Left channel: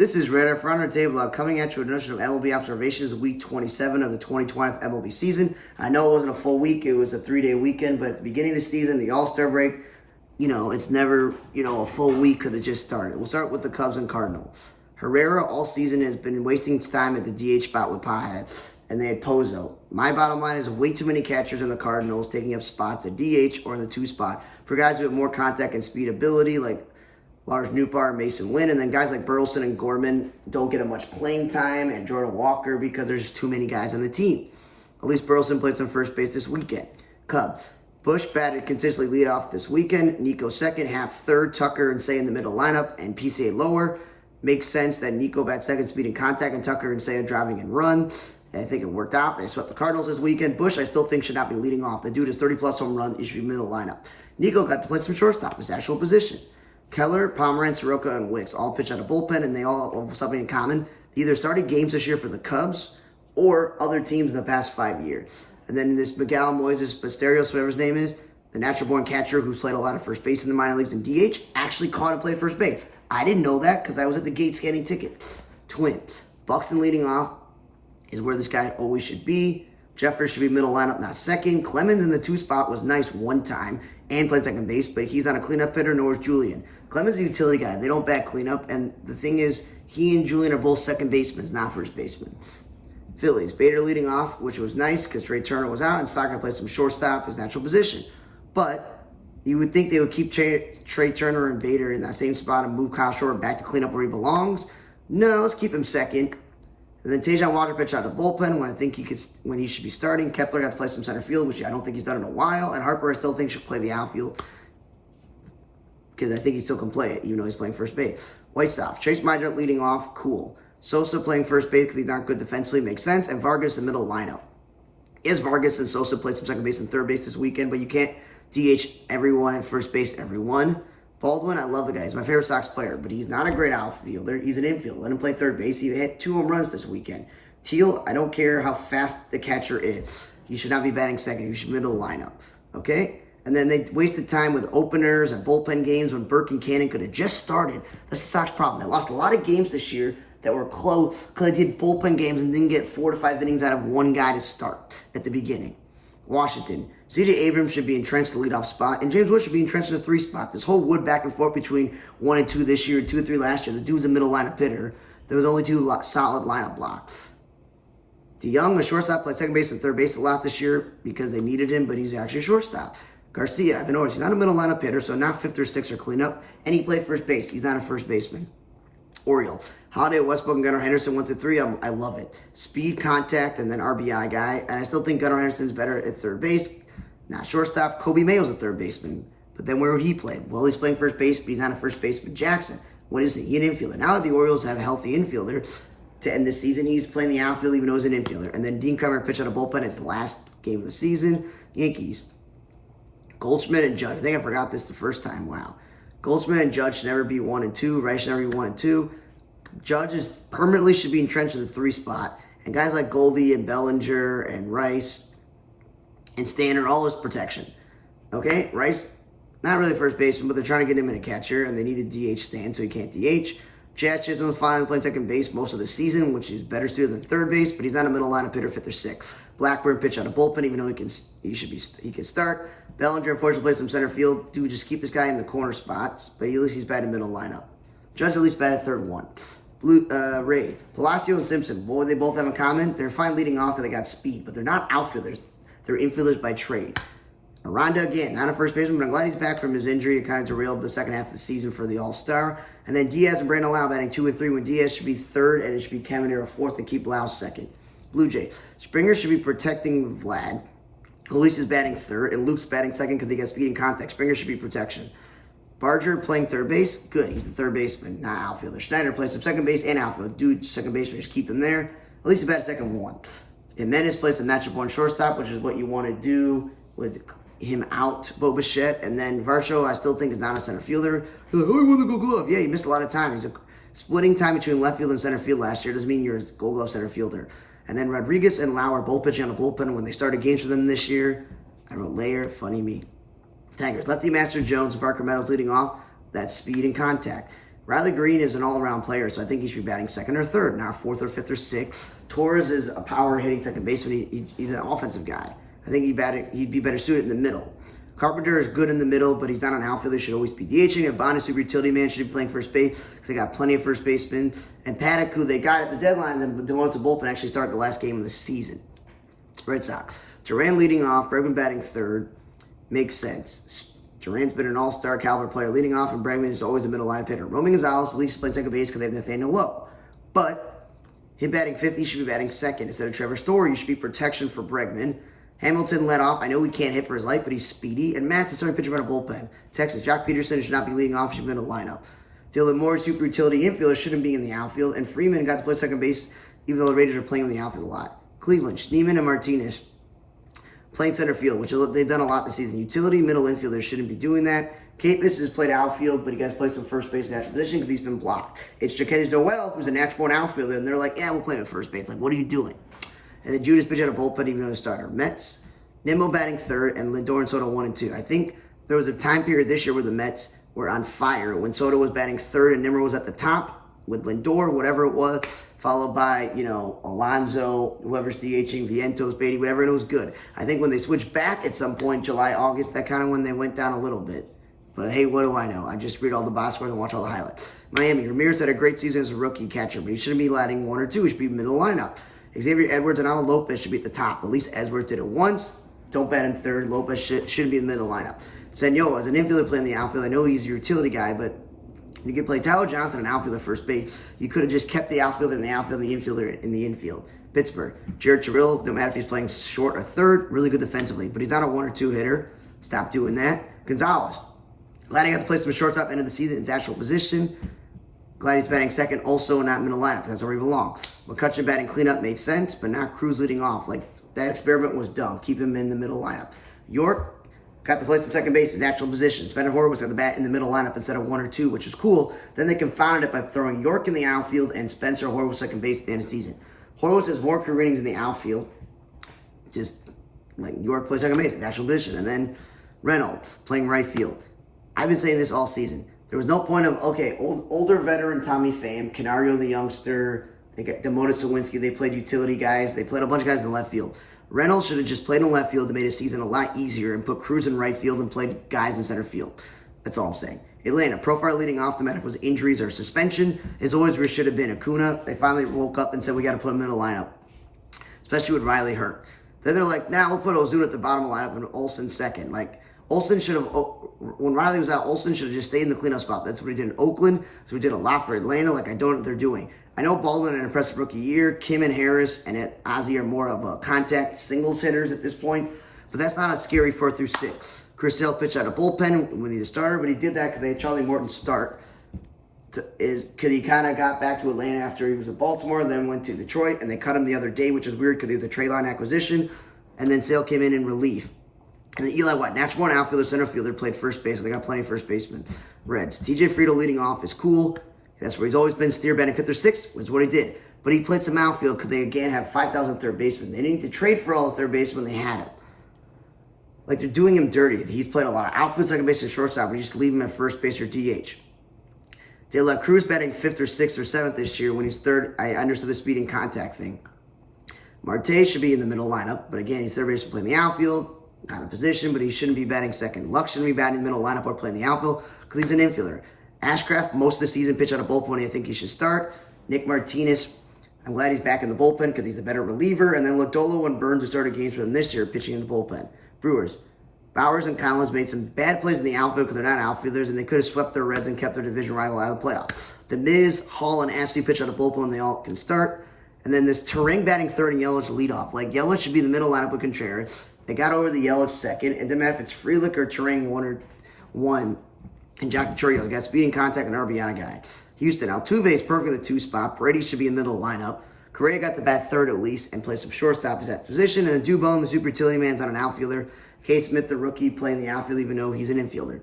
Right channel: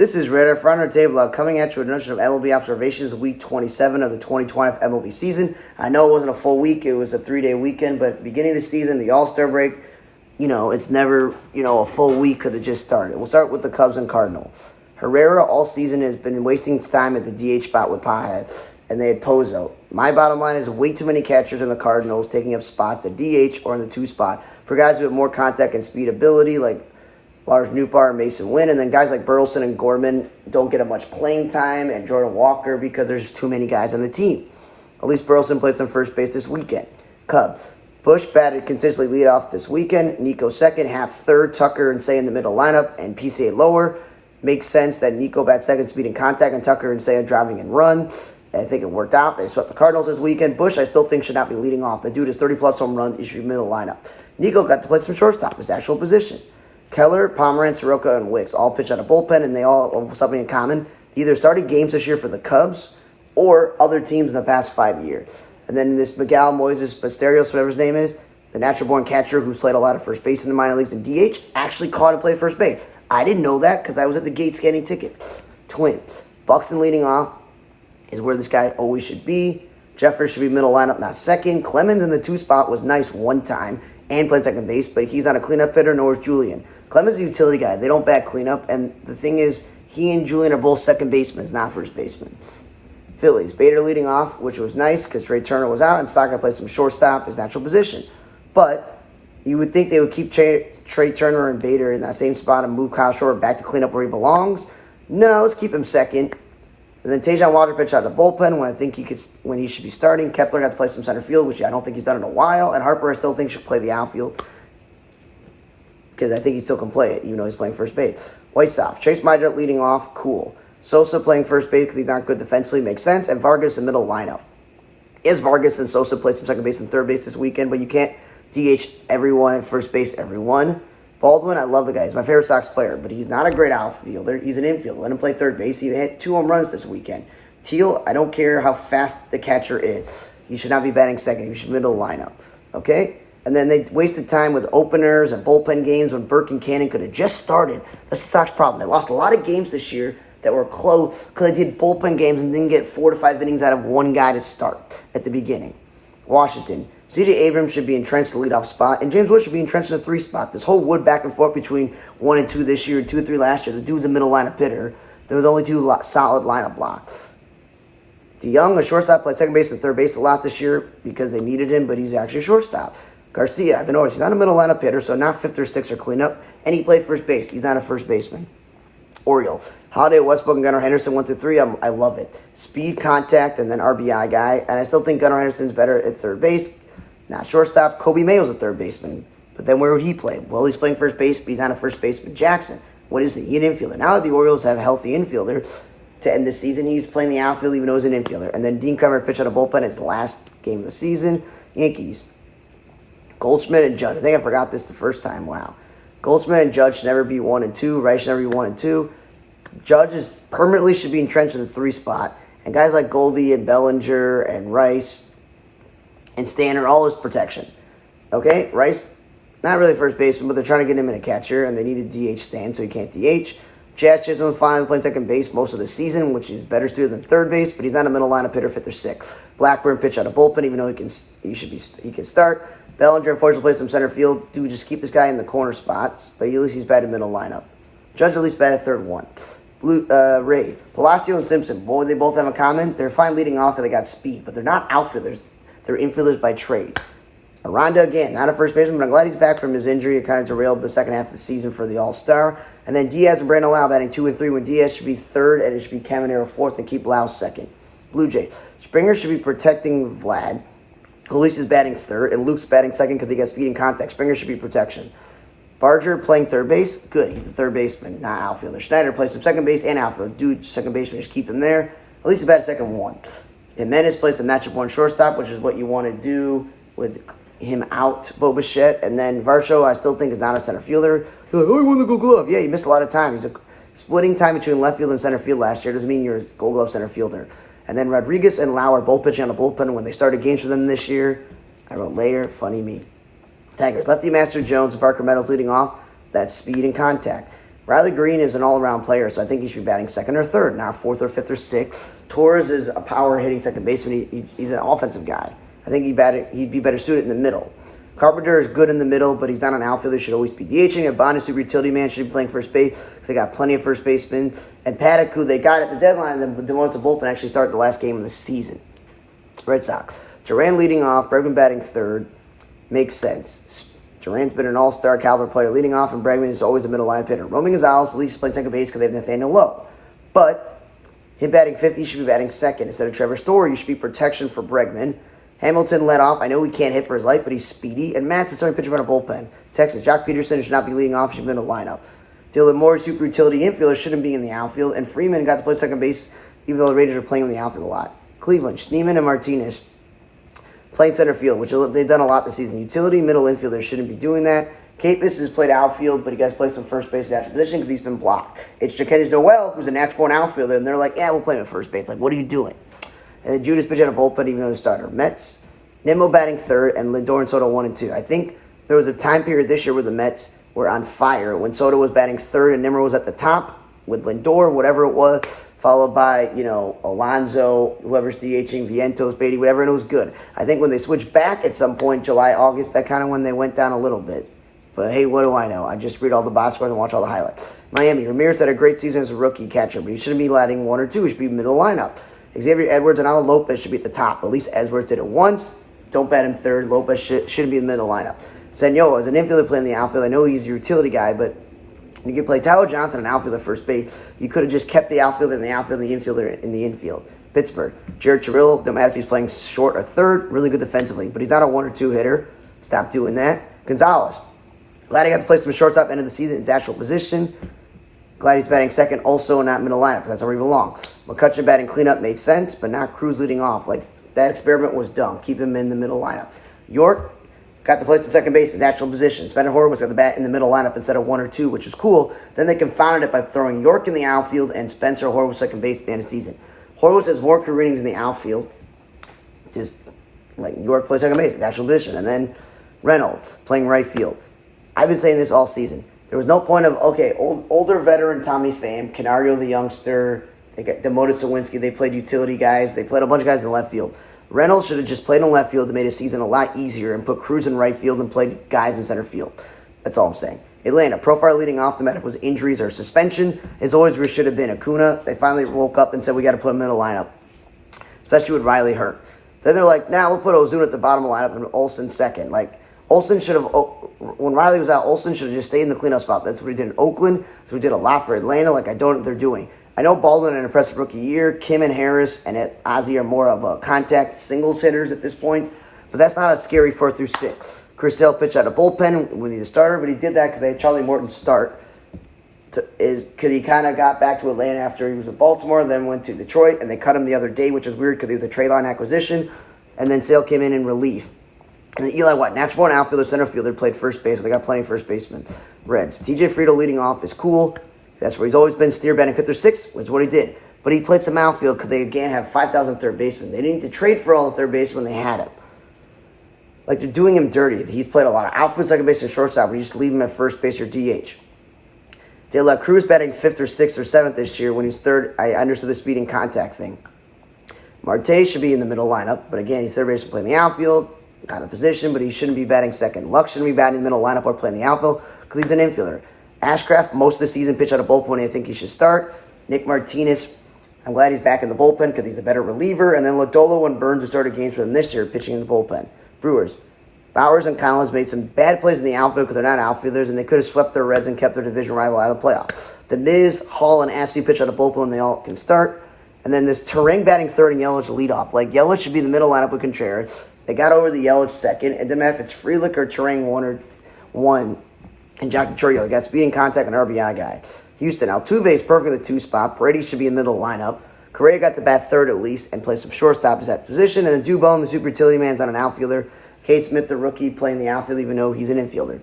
This is Radar for Honor Day Vlog coming at you with another of MLB observations, week 27 of the 2020 MLB season. I know it wasn't a full week, it was a 3-day weekend, but at the beginning of the season, the All-Star break, it's never, a full week because it just started. We'll start with the Cubs and Cardinals. Herrera all season has been wasting time at the DH spot with Paja, and they had Pozo. My bottom line is way too many catchers in the Cardinals taking up spots at DH or in the 2 spot for guys who have more contact and speed ability, like Lars Nootbaar and Mason Wynn, and then guys like Burleson and Gorman don't get much playing time, and Jordan Walker because there's just too many guys on the team. At least Burleson played some first base this weekend. Cubs. Bush batted consistently lead off this weekend. Nico second, Happ third, Tucker and Say in the middle lineup, and PCA lower. Makes sense that Nico bats second, speed and contact, and Tucker and Say are driving and run. I think it worked out. They swept the Cardinals this weekend. Bush, I still think, should not be leading off. The dude is 30-plus home runs. He should be middle lineup. Nico got to play some shortstop, his actual position. Keller, Pomeranz, Soroka, and Wicks all pitch out of bullpen, and they all have something in common. They either started games this year for the Cubs or other teams in the past 5 years. And then this Miguel Moises Basterios, whatever his name is, the natural-born catcher who's played a lot of first base in the minor leagues and DH, actually caught and played first base. I didn't know that because I was at the gate scanning tickets. Twins. Buxton leading off is where this guy always should be. Jeffers should be middle lineup, not second. Clemens in the 2 spot was nice one time and played second base, but he's not a cleanup hitter, nor is Julian. Clemens is a utility guy. They don't bat cleanup, and the thing is, he and Julian are both second basemen, not first basemen. Phillies. Bader leading off, which was nice because Trey Turner was out, and Stockton played some shortstop, his natural position. But you would think they would keep Trey Turner and Bader in that same spot and move Kyle Short back to cleanup where he belongs. No, let's keep him second. And then Tajon Walker pitched out of the bullpen when he should be starting. Kepler got to play some center field, which I don't think he's done in a while. And Harper I still think should play the outfield because I think he still can play it, even though he's playing first base. White Sox. Chase Mydrett leading off, cool. Sosa playing first base because he's not good defensively, makes sense. And Vargas in middle lineup. Vargas and Sosa played some second base and third base this weekend, but you can't DH everyone at first base, everyone. Baldwin, I love the guy. He's my favorite Sox player, but he's not a great outfielder. He's an infielder. Let him play third base. He hit 2 home runs this weekend. Teal, I don't care how fast the catcher is. He should not be batting second. He should be middle lineup. Okay? And then they wasted time with openers and bullpen games when Burke and Cannon could have just started. That's the Sox problem. They lost a lot of games this year that were close because they did bullpen games and didn't get 4 to 5 innings out of one guy to start at the beginning. Washington. C.J. Abrams should be entrenched in the leadoff spot, and James Wood should be entrenched in the 3 spot. This whole Wood back and forth between 1 and 2 this year, 2 and 3 last year. The dude's a middle lineup hitter. There was only 2 solid lineup blocks. DeYoung, a shortstop, played second base and third base a lot this year because they needed him, but he's actually a shortstop. Garcia, I've been noticing, he's not a middle lineup hitter, so not 5th or 6th or cleanup, and he played first base. He's not a first baseman. Orioles. Holiday, Westbrook, and Gunnar Henderson 1 through 3. I love it. Speed, contact, and then RBI guy. And I still think Gunnar Henderson's better at third base. Not shortstop. Kobe Mayo's a third baseman. But then where would he play? Well, he's playing first base, but he's not a first baseman. Jackson, what is he? He's an infielder. Now that the Orioles have a healthy infielder to end this season, he's playing the outfield even though he's an infielder. And then Dean Kremer pitched out a bullpen his last game of the season. Yankees. Goldschmidt and Judge. I think I forgot this the first time. Wow. Goldschmidt and Judge should never be 1 and 2. Rice should never be 1 and 2. Judge is permanently should be entrenched in the 3 spot. And guys like Goldie and Bellinger and Rice and Stanner, all his protection. Okay? Rice, not really first baseman, but they're trying to get him in a catcher, and they need a DH stand, so he can't DH. Jazz Chisholm's finally playing second base most of the season, which is better suited than third base, but he's not a middle lineup hitter, 5th or 6th. Blackburn pitch out of bullpen, even though he can start. Bellinger, unfortunately, plays some center field. Dude, just keep this guy in the corner spots, but at least he's batted middle lineup. Judge at least batted third one. Ray, Palacio and Simpson, what they both have in common? They're fine leading off because they got speed, but they're not outfielders. They're infielders by trade. Aranda, again, not a first baseman, but I'm glad he's back from his injury. It kind of derailed the second half of the season for the All-Star. And then Diaz and Brandon Lau batting 2 and 3 when Diaz should be third and it should be Caminero 4th and keep Lau second. Blue Jays. Springer should be protecting Vlad. Luis is batting third and Luke's batting second because they got speed and contact. Springer should be protection. Barger playing third base. Good. He's the third baseman, not outfielder. Schneider plays some second base and outfield. Dude, second baseman, just keep him there. At least he batted second 1. Jimenez plays some natural-born shortstop, which is what you want to do with him out, Bo Bichette. And then Varsho, I still think, is not a center fielder. You're like, oh, he won the Gold Glove. Yeah, he missed a lot of time. He's splitting time between left field and center field last year. Doesn't mean you're a Gold Glove center fielder. And then Rodriguez and Lau are both pitching on the bullpen when they started games for them this year. I wrote Layer, funny me. Tigers, lefty Master Jones and Parker Meadows leading off. That's speed and contact. Riley Green is an all-around player, so I think he should be batting second or third, not fourth or fifth or sixth. Torres is a power-hitting second baseman. He's an offensive guy. I think he'd be better suited in the middle. Carpenter is good in the middle, but he's not an outfielder. He should always be DHing. And Bond is super utility man. Should be playing first base because they got plenty of first basemen. And Paddock, who they got at the deadline, then demoted to bullpen, actually started the last game of the season. Red Sox. Duran leading off. Bregman batting third. Makes sense. Duran's been an all-star caliber player leading off, and Bregman is always a middle line hitter. Roman Gonzalez at least playing second base because they have Nathaniel Lowe. But him batting fifth, he should be batting second. Instead of Trevor Story, you should be protection for Bregman. Hamilton led off. I know he can't hit for his life, but he's speedy. And Matt's the starting pitcher on a bullpen. Texas, Jock Peterson should not be leading off. He should be in the lineup. Dylan Moore, super utility infielder, shouldn't be in the outfield. And Freeman got to play second base, even though the Raiders are playing in the outfield a lot. Cleveland, Schneemann and Martinez playing center field, which they've done a lot this season. Utility middle infielders shouldn't be doing that. Capus has played outfield, but he got to play some first base natural position because he's been blocked. It's Jaquez Noel, who's a natural-born outfielder, and they're like, yeah, we'll play him at first base. Like, what are you doing? And then Judas pitched out a bullpen, even though he's a starter. Mets, Nimmo batting third, and Lindor and Soto 1 and 2. I think there was a time period this year where the Mets were on fire when Soto was batting third and Nimmo was at the top with Lindor, whatever it was, followed by, Alonso, whoever's DHing, Vientos, Beatty, whatever, and it was good. I think when they switched back at some point, July, August, that kind of when they went down a little bit. But hey, what do I know? I just read all the box scores and watch all the highlights. Miami, Ramirez had a great season as a rookie catcher, but he shouldn't be letting one or two. He should be middle lineup. Xavier Edwards and Alan Lopez should be at the top. At least Edwards did it once. Don't bat him third. Lopez shouldn't be in the middle lineup. Senor, as an infielder playing the outfield, I know he's a utility guy, but you could play Tyler Johnson, an outfielder first base. You could have just kept the outfielder in the outfield and the infielder in the infield. Pittsburgh, Jared Terrell, no matter if he's playing short or third, really good defensively, but he's not a 1 or 2 hitter. Stop doing that. Gonzalez, glad he got to play some shortstop end of the season in his actual position. Glad he's batting second, also not middle lineup, because that's where he belongs. McCutcheon batting cleanup made sense, but not Cruz leading off. Like, that experiment was dumb. Keep him in the middle lineup. York got to play some second base, his natural position. Spencer Horwitz got the bat in the middle lineup instead of 1 or 2, which is cool. Then they confounded it by throwing York in the outfield and Spencer Horwitz second base at the end of the season. Horwitz has more career innings in the outfield. Just like York plays second base, his natural position. And then Reynolds playing right field. I've been saying this all season. There was no point of, older veteran Tommy Pham, Canario the youngster, they got demoted Sawinski, they played utility guys, they played a bunch of guys in left field. Reynolds should have just played in left field to make his season a lot easier and put Cruz in right field and played guys in center field. That's all I'm saying. Atlanta, Profar leading off, no matter if it was injuries or suspension, is always where it should have been. Acuna, they finally woke up and said, we got to put him in the lineup, especially with Riley hurt. Then they're like, we'll put Ozuna at the bottom of the lineup and Olsen second. Like, Olsen should have, when Riley was out, Olsen should have just stayed in the cleanup spot. That's what he did in Oakland. That's what he did a lot for Atlanta. Like, I don't know what they're doing. I know Baldwin had an impressive rookie year. Kim and Harris and Ozzie are more of a contact singles hitters at this point. But that's not a scary 4 through 6. Chris Sale pitched out a bullpen when he's a starter, but he did that because they had Charlie Morton start. Because he kind of got back to Atlanta after he was at Baltimore, then went to Detroit, and they cut him the other day, which is weird because they were the trade line acquisition. And then Sale came in relief. And then Eli White, natural born outfielder, center fielder, played first base. So they got plenty of first basemen. Reds. TJ Friedel leading off is cool. That's where he's always been. Steer batting 5th or 6th was what he did. But he played some outfield because they, again, have 5,000 third basemen. They didn't need to trade for all the third basemen when they had him. Like, they're doing him dirty. He's played a lot of outfield, second base, and shortstop, but you just leave him at first base or DH. De La Cruz batting 5th or 6th or 7th this year when he's third. I understood the speed and contact thing. Marte should be in the middle lineup, but again, he's third base playing the outfield. Not in position, but he shouldn't be batting second. Luck shouldn't be batting in the middle lineup or playing the outfield because he's an infielder. Ashcraft, most of the season, pitched out of bullpen, and I think he should start. Nick Martinez, I'm glad he's back in the bullpen because he's a better reliever. And then Lodolo and Burns, who started games for them this year, pitching in the bullpen. Brewers, Bowers and Collins made some bad plays in the outfield because they're not outfielders, and they could have swept their Reds and kept their division rival out of the playoffs. The Miz, Hall, and Ashley pitch out of bullpen, and they all can start. And then this Terang batting third and Yelich lead off. Like, Yelich should be in the middle lineup with Contreras. They got over the Yelich second. It doesn't matter if it's Frelick or Terang 1 and Jack Churio. Got speed and contact and RBI guy. Houston, Altuve is perfect in the 2 spot. Brady should be in the middle lineup. Correa got the bat third at least and play some shortstop at that position. And then Dubon, the super utility man, is on an outfielder. K. Smith, the rookie, playing the outfield even though he's an infielder.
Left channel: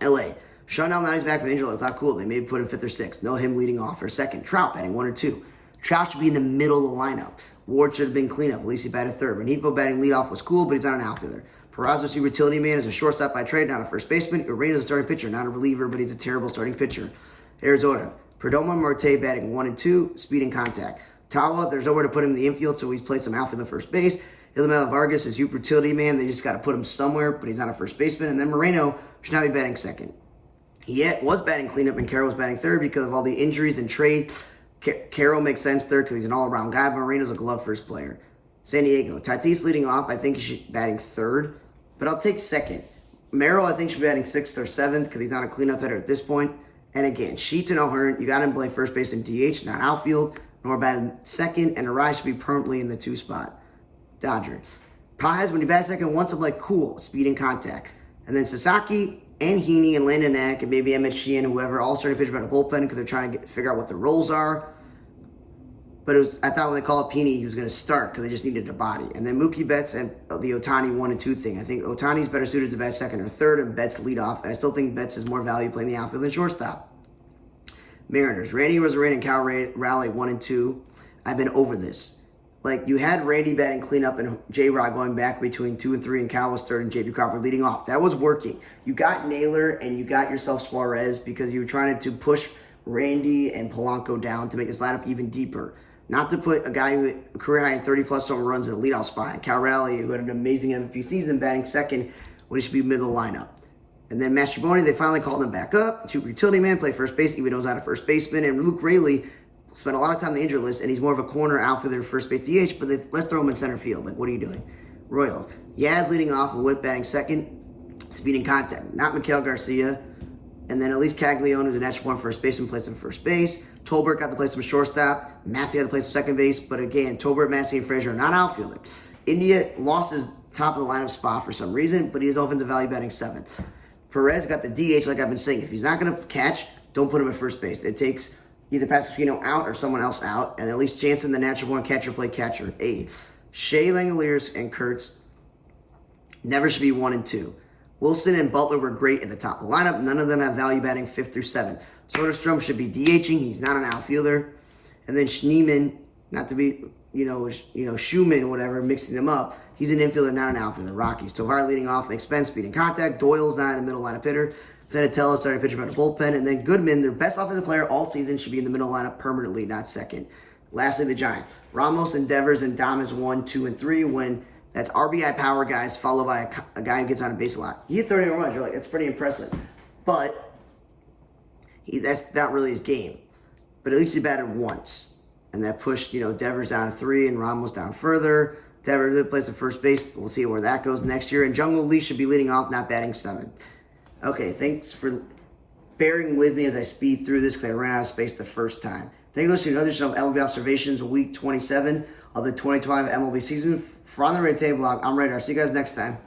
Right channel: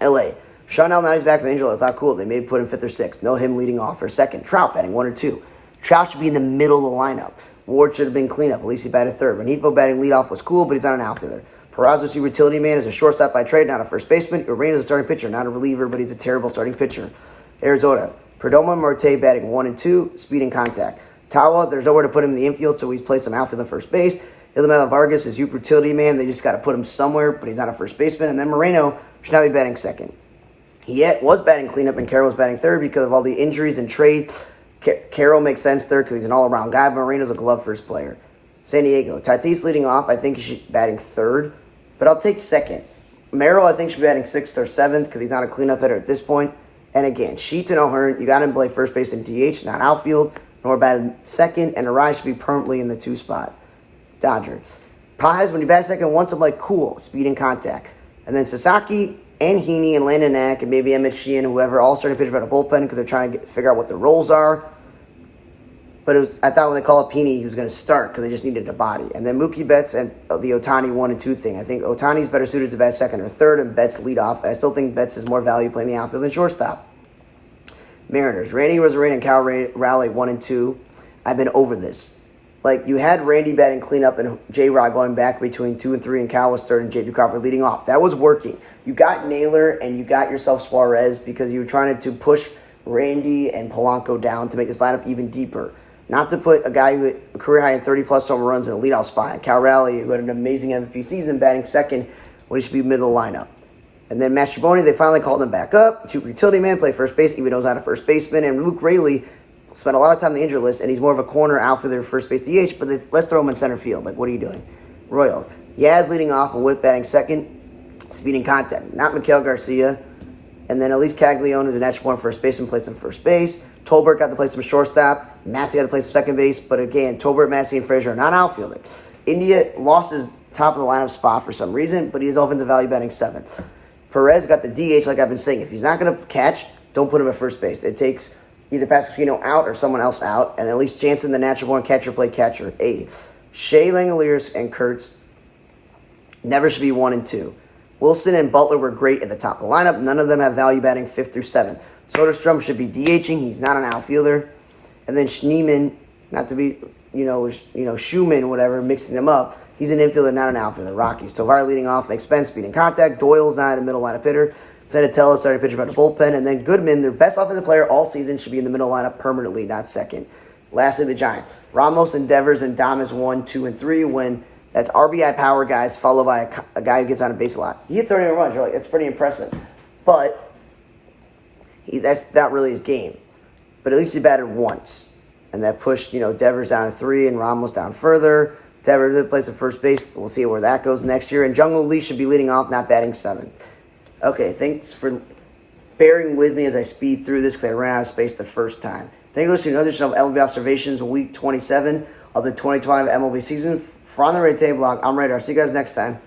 L.A. Chanel, now he's back from the injury. I thought, cool. They maybe put him 5th or 6th. No him leading off for second. Trout batting 1 or 2. Trout should be in the middle of the lineup. Ward should have been cleanup. At least he batted third. Renifo batting leadoff was cool, but he's not an outfielder. Peraza, super utility man, is a shortstop by trade, not a first baseman. Urena's a starting pitcher, not a reliever, but he's a terrible starting pitcher. Arizona, Perdomo Marte batting 1 and 2, speed and contact. Tawa, there's nowhere to put him in the infield, so he's played some outfield and first base. Ilamela Vargas is utility man. They just got to put him somewhere, but he's not a first baseman. And then Moreno should not be batting second. He was batting cleanup, and Carroll was batting third because of all the injuries and trades. Carroll makes sense third because he's an all-around guy. Moreno's a glove first player. San Diego, Tatis leading off. I think he should be batting third, but I'll take second. Merrill, I think, should be batting sixth or seventh because he's not a cleanup hitter at this point. And again, Sheets and O'Hearn, you got him play first base and DH, not outfield, nor batting second, and Arai should be permanently in the 2 spot. Dodgers. Paz, when you bat second, wants him like cool, speed and contact. And then Sasaki and Heaney and Landon Knack and maybe Emmett Sheehan, whoever, all starting pitch about a bullpen because they're trying to figure out what their roles are. But I thought when they called up Heaney, he was going to start because they just needed a body. And then Mookie Betts and the Ohtani 1 and 2 thing. I think Ohtani's better suited to bat second or third, and Betts lead off. And I still think Betts has more value playing the outfield than shortstop. Mariners, Randy Rosarena and Cal Raleigh 1 and 2. I've been over this. Like, you had Randy batting cleanup and J-Rod going back between 2 and 3, and Cal was third and J.P. Cropper leading off. That was working. You got Naylor and you got yourself Suarez because you were trying to push Randy and Polanco down to make this lineup even deeper. Not to put a guy who had a career high in 30-plus home runs in a leadoff spot. Cal Raleigh, who had an amazing MVP season, batting second when he should be middle of the lineup. And then Mastroboni, they finally called him back up. Super utility man, play first base, even though he's not a first baseman. And Luke Raley spent a lot of time on the injured list, and he's more of a corner outfielder, first base DH, but let's throw him in center field. Like, what are you doing? Royals. Yaz leading off and Whit batting second, speed and contact. Not Miguel Garcia. And then Elise Caglione, who's a natural born first baseman, plays some first base. Tolbert got to play some shortstop. Massey got to play some second base. But again, Tolbert, Massey, and Frazier are not outfielders. India lost his top of the lineup spot for some reason, but he's offensive value batting seventh. Perez got the DH, like I've been saying. If he's not going to catch, don't put him at first base. It takes either Pasquino out or someone else out, and at least Jansen, the natural born catcher, play catcher. 8. Shea Langoliers and Kurtz never should be 1 and 2. Wilson and Butler were great at the top of the lineup. None of them have value batting 5th through 7th. Soderstrom should be DHing. He's not an outfielder. And then Schneemann, not to be, Schumann, whatever, mixing them up. He's an infielder, not an outfielder. Rockies. Tovar leading off, makes sense, speed and contact. Doyle's not in the middle lineup hitter. Senatella started pitching by the bullpen. And then Goodman, their best offensive player all season, should be in the middle lineup permanently, not second. Lastly, the Giants. Ramos and Devers and Damas 1, 2, and 3 when that's RBI power guys followed by a guy who gets on a base a lot. He hit 30 runs. You're like, that's pretty impressive. But that's not really his game. But at least he batted once. And that pushed, Devers down to 3 and Ramos down further. Devers plays the first base. We'll see where that goes next year. And Jung-Woo Lee should be leading off, not batting 7th. Okay, thanks for bearing with me as I speed through this because I ran out of space the first time. Thank you for listening to another edition of MLB Observations, Week 27 of the 2025 MLB season. For On the Red Table Blog, I'm Radar. See you guys next time.